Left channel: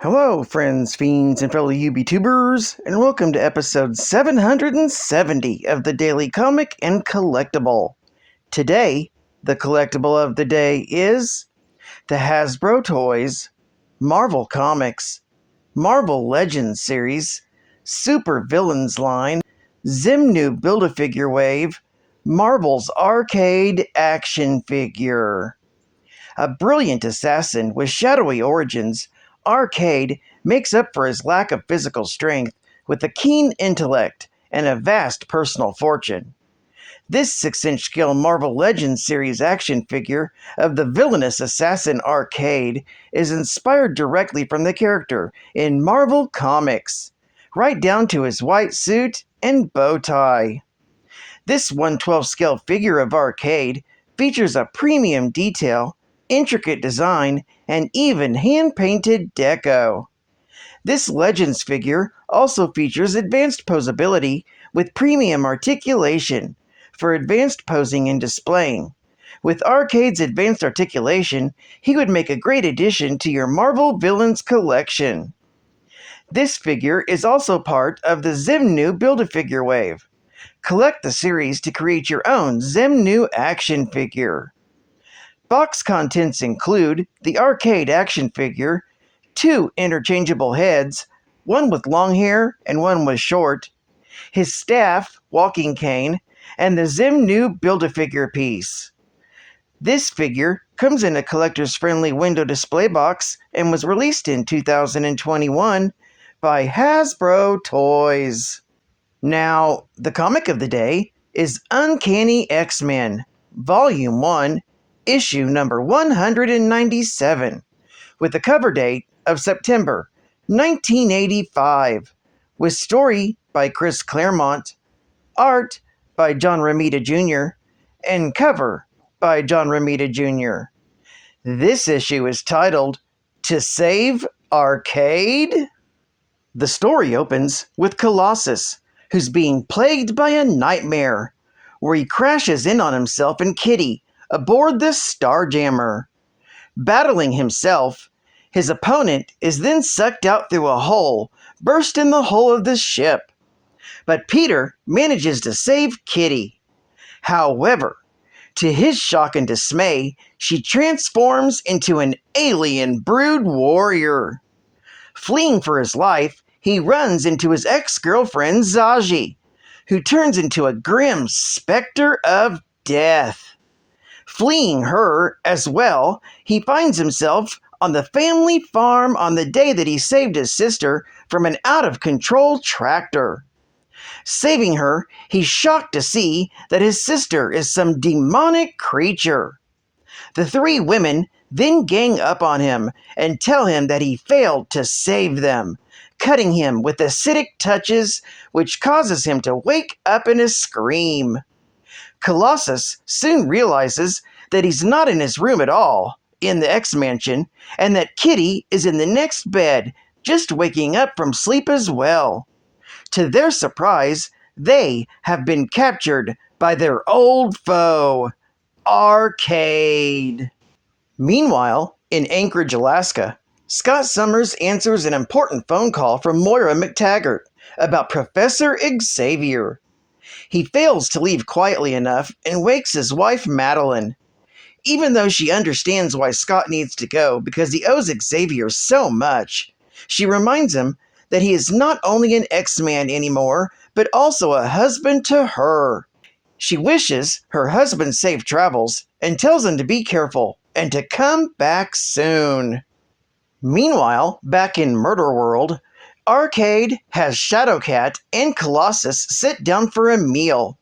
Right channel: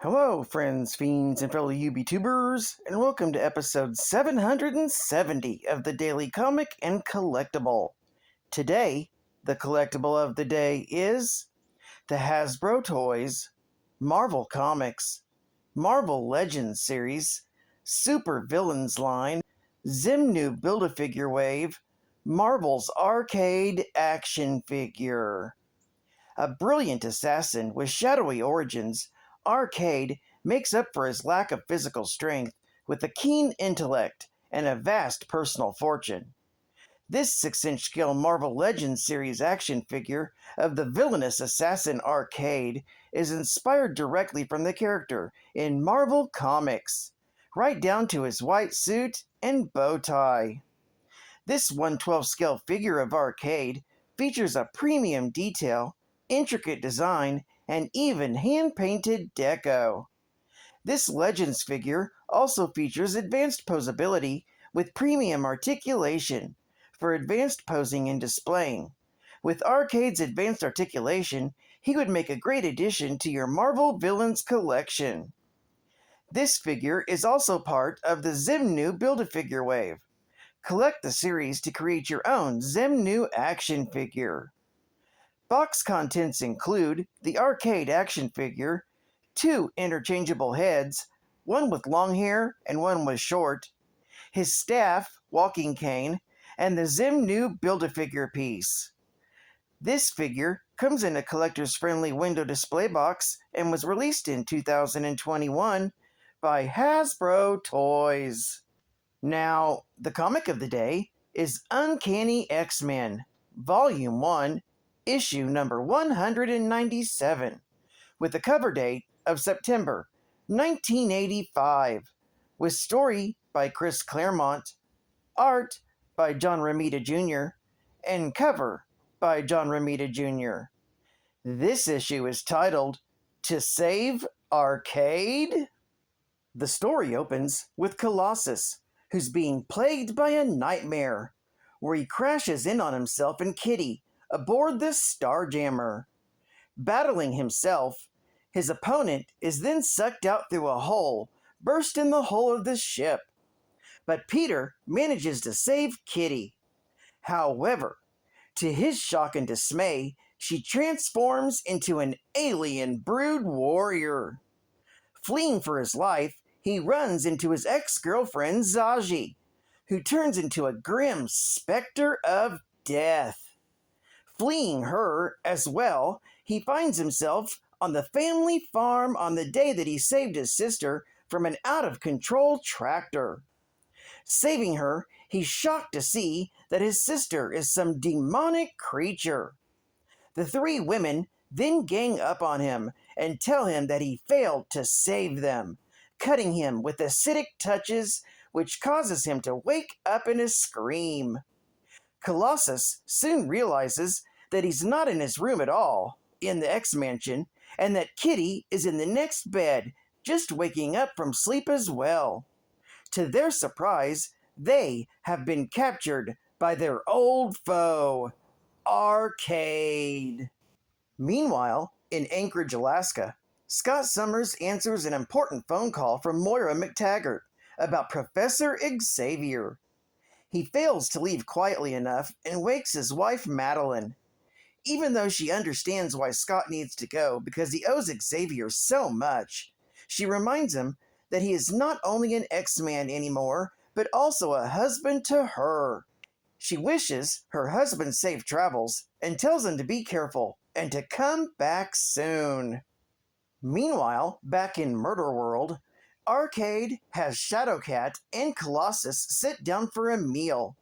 Hello, friends, fiends, and fellow UBTubers, and welcome to episode 770 of the Daily Comic and Collectible. Today, the collectible of the day is the HASBRO Toys, Marvel Comics, Marvel Legends series, Super Villains line, XEMNU Build-A-Figure Wave, Marvel's Arcade action figure. A brilliant assassin with shadowy origins, Arcade makes up for his lack of physical strength with a keen intellect and a vast personal fortune. This 6-inch scale Marvel Legends series action figure of the villainous assassin Arcade is inspired directly from the character in Marvel Comics, right down to his white suit and bow tie. This 1/12 scale figure of Arcade features a premium detail, intricate design, and even hand-painted deco. This Legends figure also features advanced posability with premium articulation for advanced posing and displaying. With Arcade's advanced articulation, he would make a great addition to your Marvel Villains collection. This figure is also part of the XEMNU Build-A-Figure wave. Collect the series to create your own XEMNU action figure. Box contents include the Arcade action figure, 2 interchangeable heads, one with long hair and one with short, his staff, walking cane, and the XEMNU Build-A-Figure piece. This figure comes in a collector's friendly window display box and was released in 2021 by HASBRO Toys. Now, the comic of the day is Uncanny X-Men, Volume 1, Issue number 197, with a cover date of September 1985, with story by Chris Claremont, art by John Romita Jr., and cover by John Romita Jr. This issue is titled, To Save Arcade? The story opens with Colossus, who's being plagued by a nightmare, where he crashes in on himself and Kitty aboard the Starjammer. Battling himself, his opponent is then sucked out through a hole burst in the hull of the ship. But Peter manages to save Kitty. However, to his shock and dismay, she transforms into an alien brood warrior. Fleeing for his life, he runs into his ex-girlfriend Zaji, who turns into a grim specter of death. Fleeing her as well, he finds himself on the family farm on the day that he saved his sister from an out-of-control tractor. Saving her, he's shocked to see that his sister is some demonic creature. The 3 women then gang up on him and tell him that he failed to save them, cutting him with acidic touches, which causes him to wake up in a scream. Colossus soon realizes that he's not in his room at all, in the X-Mansion, and that Kitty is in the next bed, just waking up from sleep as well. To their surprise, they have been captured by their old foe, Arcade. Meanwhile, in Anchorage, Alaska, Scott Summers answers an important phone call from Moira McTaggart about Professor Xavier. He fails to leave quietly enough and wakes his wife Madeline. Even though she understands why Scott needs to go because he owes Xavier so much, she reminds him that he is not only an X-Man anymore, but also a husband to her. She wishes her husband safe travels and tells him to be careful and to come back soon. Meanwhile, back in Murder World, Arcade has Shadowcat and Colossus sit down for a meal,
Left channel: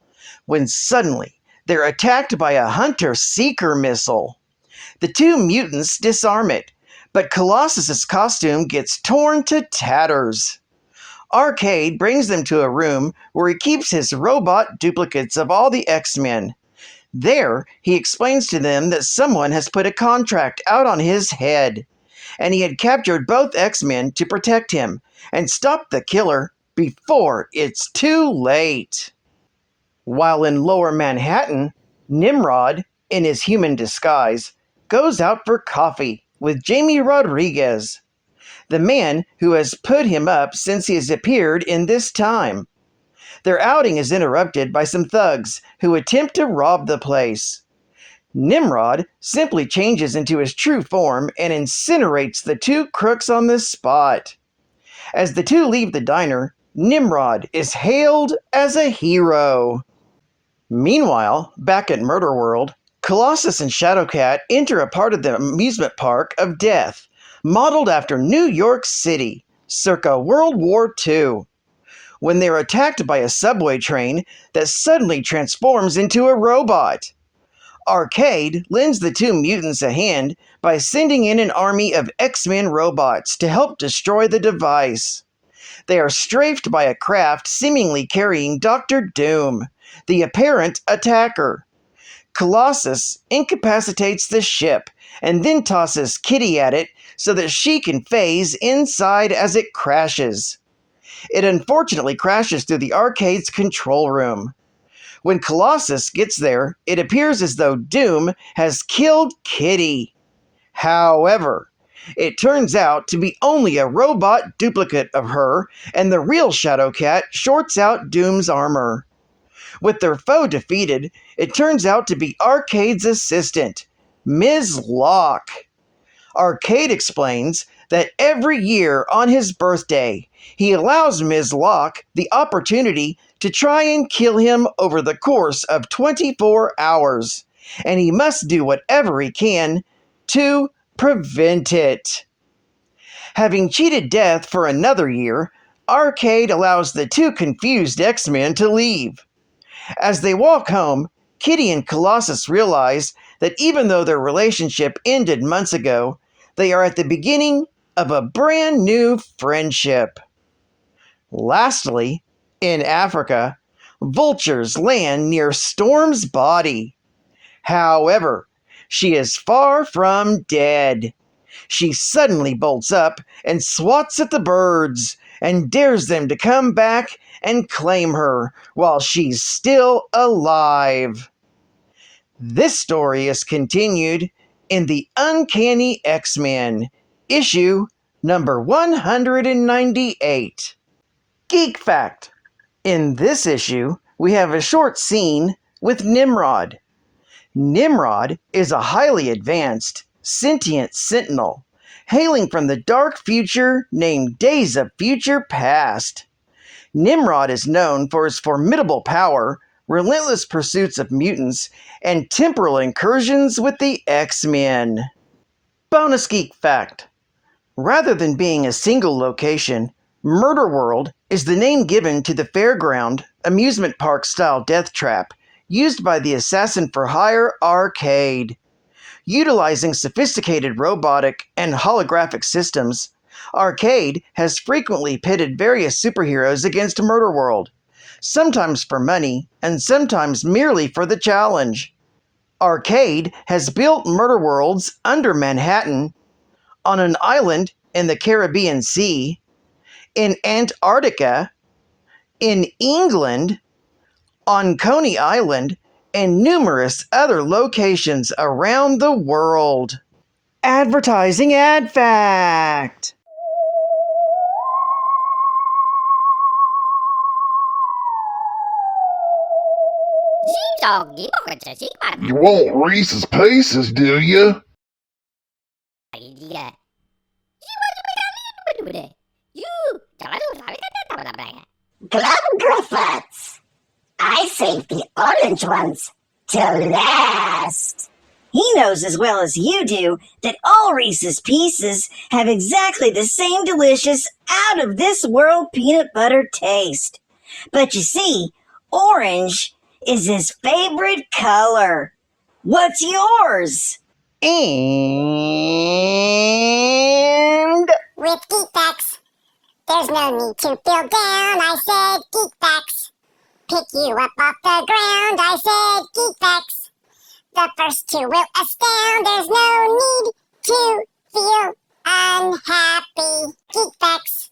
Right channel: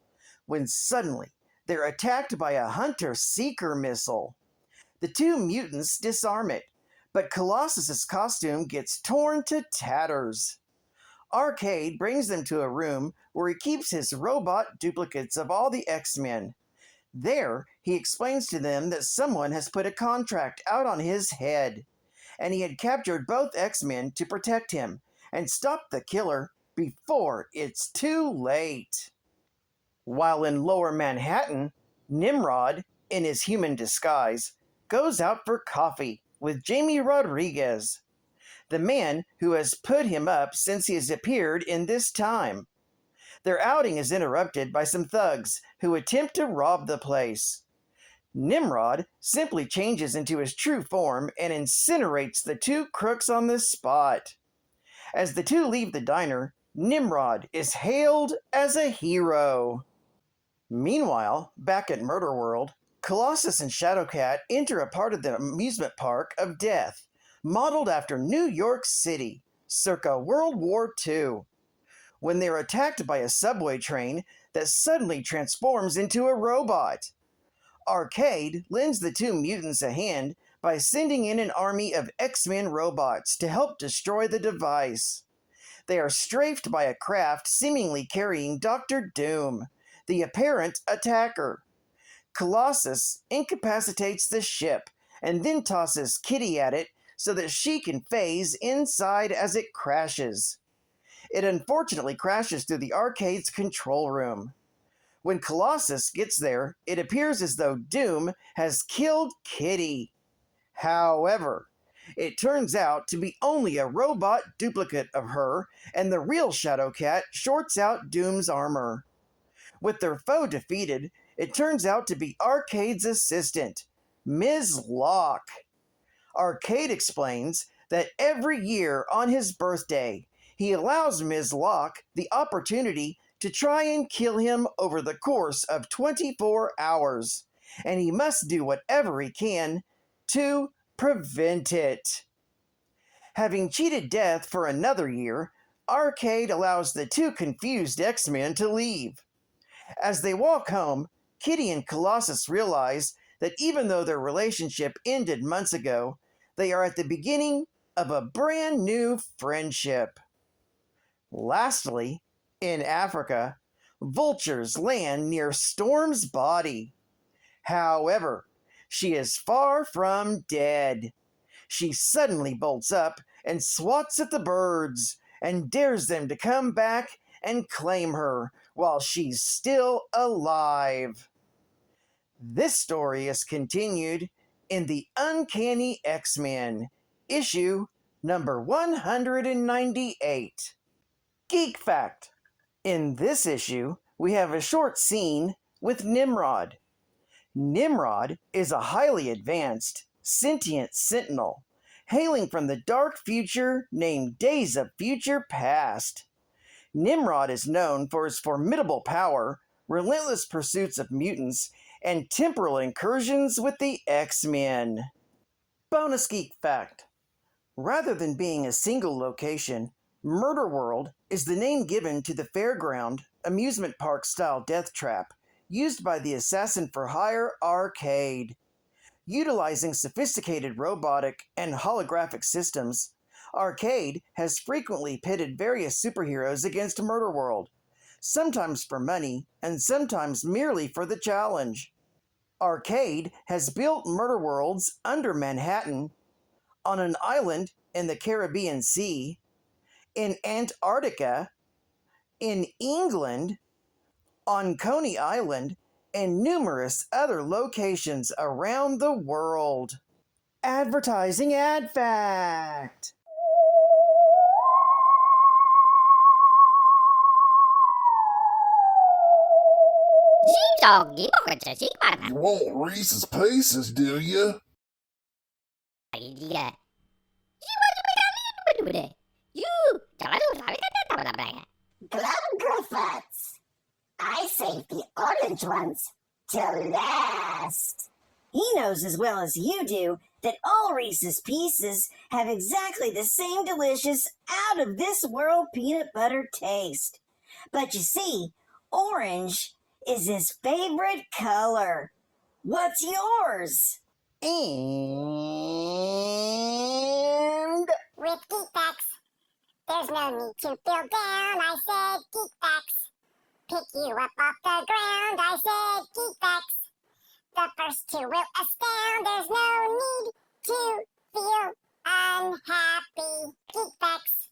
when suddenly they're attacked by a Hunter-Seeker missile. The 2 mutants disarm it, but Colossus's costume gets torn to tatters. Arcade brings them to a room where he keeps his robot duplicates of all the X-Men. There, he explains to them that someone has put a contract out on his head, and he had captured both X-Men to protect him and stop the killer before it's too late. While in Lower Manhattan, Nimrod, in his human disguise, goes out for coffee with Jamie Rodriguez. the man who has put him up since he has appeared in this time. Their outing is interrupted by some thugs who attempt to rob the place. Nimrod simply changes into his true form and incinerates the two crooks on the spot. As the two leave the diner, Nimrod is hailed as a hero. Meanwhile, back at Murder World, Colossus and Shadowcat enter a part of the amusement park of death, modeled after New York City, circa World War II, when they're attacked by a subway train that suddenly transforms into a robot. Arcade lends the two mutants a hand by sending in an army of X-Men robots to help destroy the device. They are strafed by a craft seemingly carrying Dr. Doom, the apparent attacker. Colossus incapacitates the ship and then tosses Kitty at it so that she can phase inside as it crashes. It unfortunately crashes through the arcade's control room. When Colossus gets there, it appears as though Doom has killed Kitty. However, it turns out to be only a robot duplicate of her, and the real Shadowcat shorts out Doom's armor. With their foe defeated, it turns out to be Arcade's assistant, Miss Locke. Arcade explains that every year on his birthday, he allows Ms. Locke the opportunity to try and kill him over the course of 24 hours, and he must do whatever he can to prevent it. Having cheated death for another year, Arcade allows the two confused X-Men to leave. As they walk home, Kitty and Colossus realize that even though their relationship ended months ago, they are at the beginning of a brand new friendship. Lastly, in Africa, vultures land near Storm's body. However, she is far from dead. She suddenly bolts up and swats at the birds and dares them to come back and claim her while she's still alive. This story is continued in the Uncanny X-Men, issue number 198. Geek Fact. In this issue, we have a short scene with Nimrod. Nimrod is a highly advanced, sentient sentinel, hailing from the dark future named Days of Future Past. Nimrod is known for his formidable power, relentless pursuits of mutants, and temporal incursions with the X-Men. Bonus Geek Fact. Rather than being a single location, Murder World is the name given to the fairground, amusement park-style death trap used by the assassin-for-hire Arcade. Utilizing sophisticated robotic and holographic systems, Arcade has frequently pitted various superheroes against Murder World, sometimes for money and sometimes merely for the challenge. Arcade has built Murder Worlds under Manhattan, on an island in the Caribbean Sea, in Antarctica, in England, on Coney Island, and numerous other locations around the world. Advertising Ad Fact. You want Reese's Pieces, do you? Griffiths! I saved the orange ones to last. He knows as well as you do that all Reese's Pieces have exactly the same delicious, out-of-this-world peanut butter taste. But you see, orange is his favorite color. What's yours? And With Geek Facts, there's no need to feel down, I said Geek Facts. Pick you up off the ground, I said Geek Facts. The first two will astound, there's no need to feel unhappy. Geek Facts,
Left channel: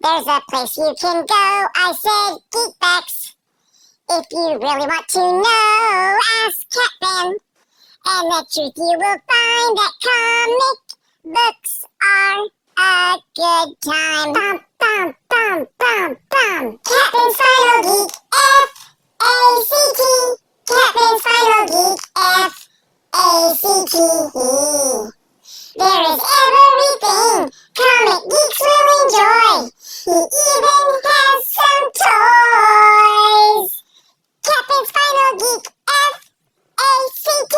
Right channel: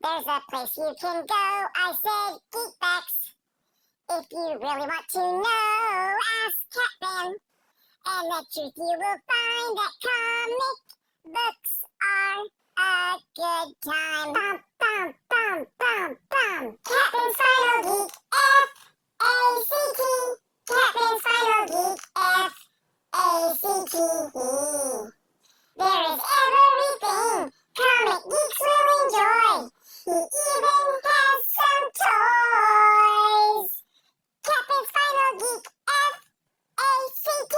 there's a place you can go, I said Geek Facts. If you really want to know, ask Catman. And the truth you will find that comic books are a good time. Bum, bum, bum, bum, bum. Captain's Final Geek, F-A-C-T. Captain's Final Geek, F-A-C-T. There is everything comic geeks will enjoy. He even has some toys. Captain's Final Geek, F-A-C-T.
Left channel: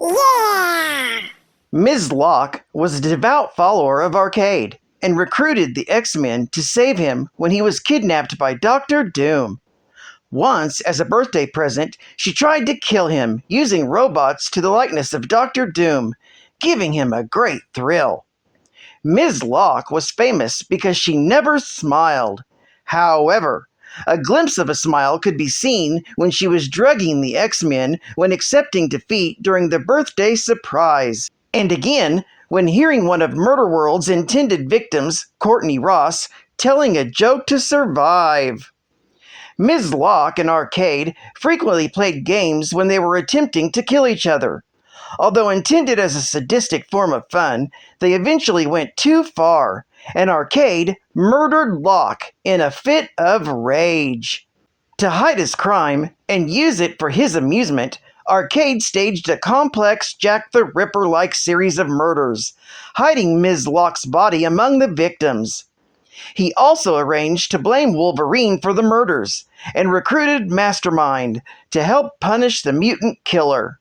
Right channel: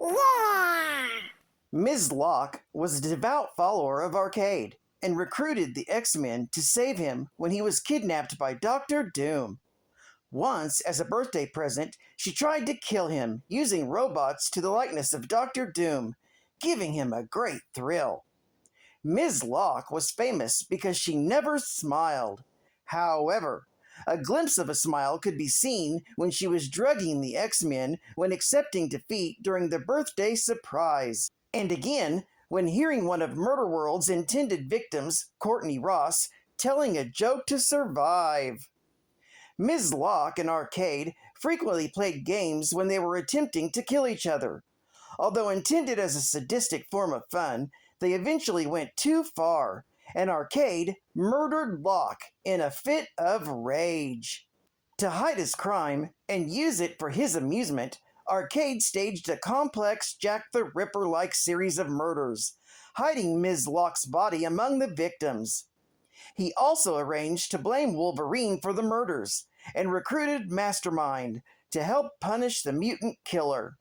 Yeah! Ms. Locke was a devout follower of Arcade and recruited the X-Men to save him when he was kidnapped by Dr. Doom. Once, as a birthday present, she tried to kill him using robots to the likeness of Dr. Doom, giving him a great thrill. Ms. Locke was famous because she never smiled. However, a glimpse of a smile could be seen when she was drugging the X-Men when accepting defeat during the birthday surprise. And again, when hearing one of Murderworld's intended victims, Courtney Ross, telling a joke to survive. Ms. Locke and Arcade frequently played games when they were attempting to kill each other. Although intended as a sadistic form of fun, they eventually went too far, and Arcade murdered Locke in a fit of rage. To hide his crime and use it for his amusement, Arcade staged a complex Jack the Ripper-like series of murders, hiding Ms. Locke's body among the victims. He also arranged to blame Wolverine for the murders, and recruited Mastermind to help punish the mutant killer.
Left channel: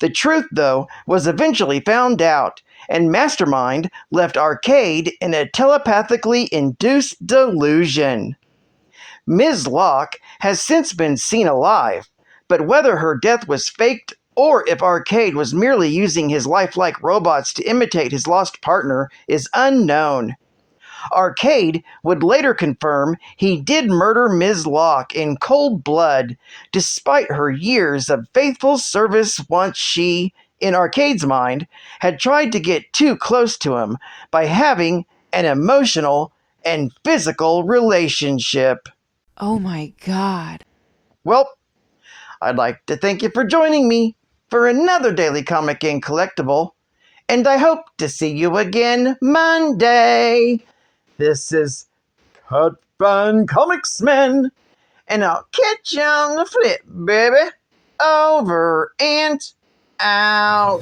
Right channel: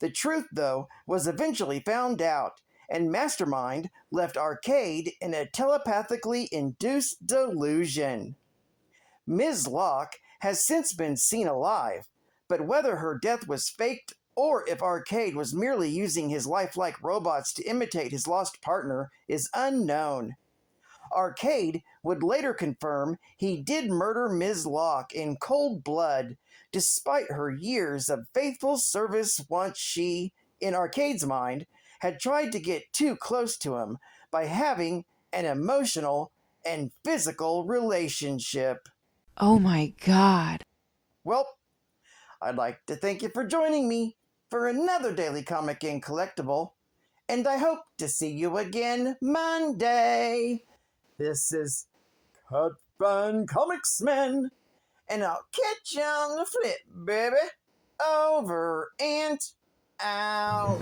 The truth, though, was eventually found out, and Mastermind left Arcade in a telepathically induced delusion. Ms. Locke has since been seen alive, but whether her death was faked or if Arcade was merely using his lifelike robots to imitate his lost partner is unknown. Arcade would later confirm he did murder Ms. Locke in cold blood, despite her years of faithful service once she, in Arcade's mind, had tried to get too close to him by having an emotional and physical relationship. Oh my god. Well, I'd like to thank you for joining me for another Daily Comic and Collectible, and I hope to see you again Monday. This is Cut Fun Comics Men, and I'll catch you on the flip, baby. Over and out.